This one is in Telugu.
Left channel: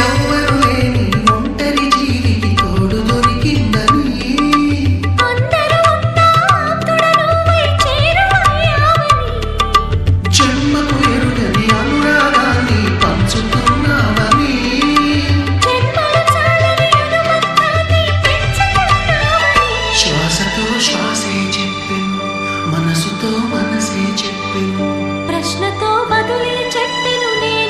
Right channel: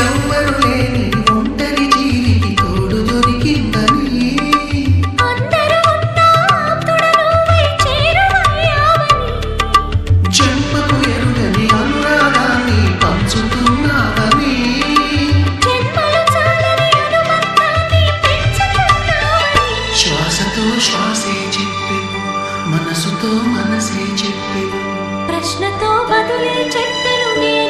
ఎవ్వరు లేని ఒంటరి జీవికి తోడు దొరికిందని అందరూ ఉన్న ఆప్తుడ నువ్వై చేరువయ్యావని జన్మకు ఎరుగని అనురాగాన్ని పంచుతున్నావని జన్మలు చాలని అనుబంధాన్ని పెంచుతున్నావని శ్వాసతో శ్వాసే చెప్పెను మనసుతో మనసే చెప్పెను ప్రశ్నతో బదులే చెప్పెను నేను